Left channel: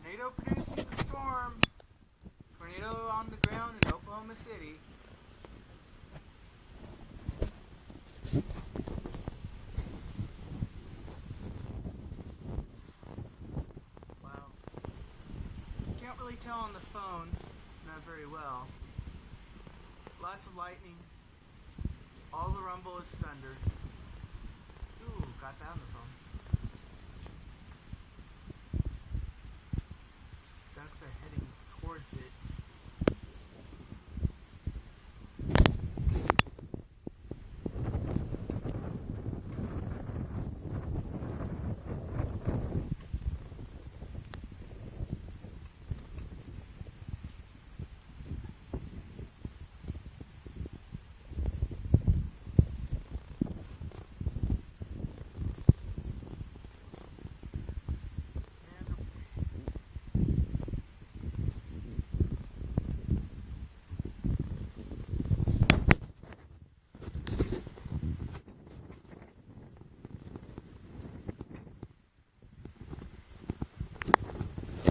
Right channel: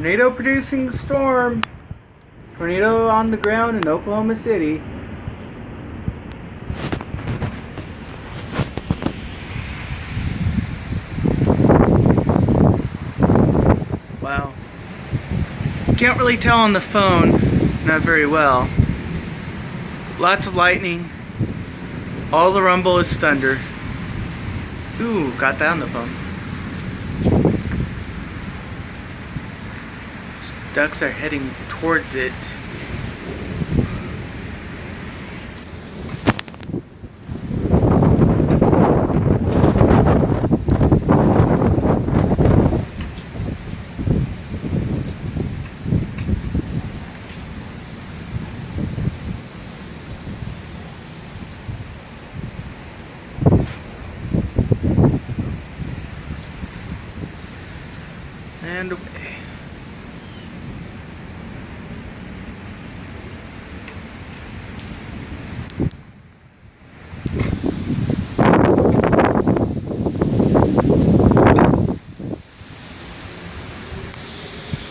Tornado producing storm. Tornado on the ground in Oklahoma City. Wow. Can't really tell on the phone, not very well. Lots of lightning. All the rumble is thunder. Ooh, got that on the phone. Ducks are heading towards it. And away.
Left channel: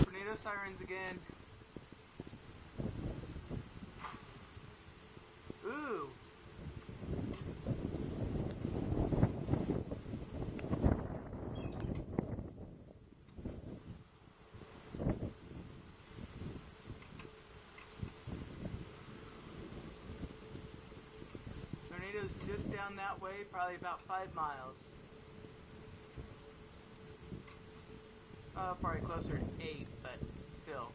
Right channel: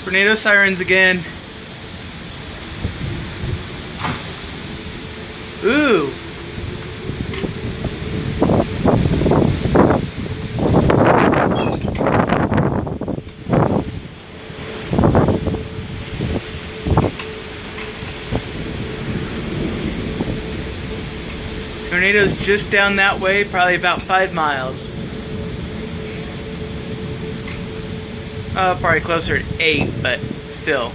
Tornado sirens again. Ooh. Tornado's just down that way, probably about 5 miles. Probably closer to 8, but still.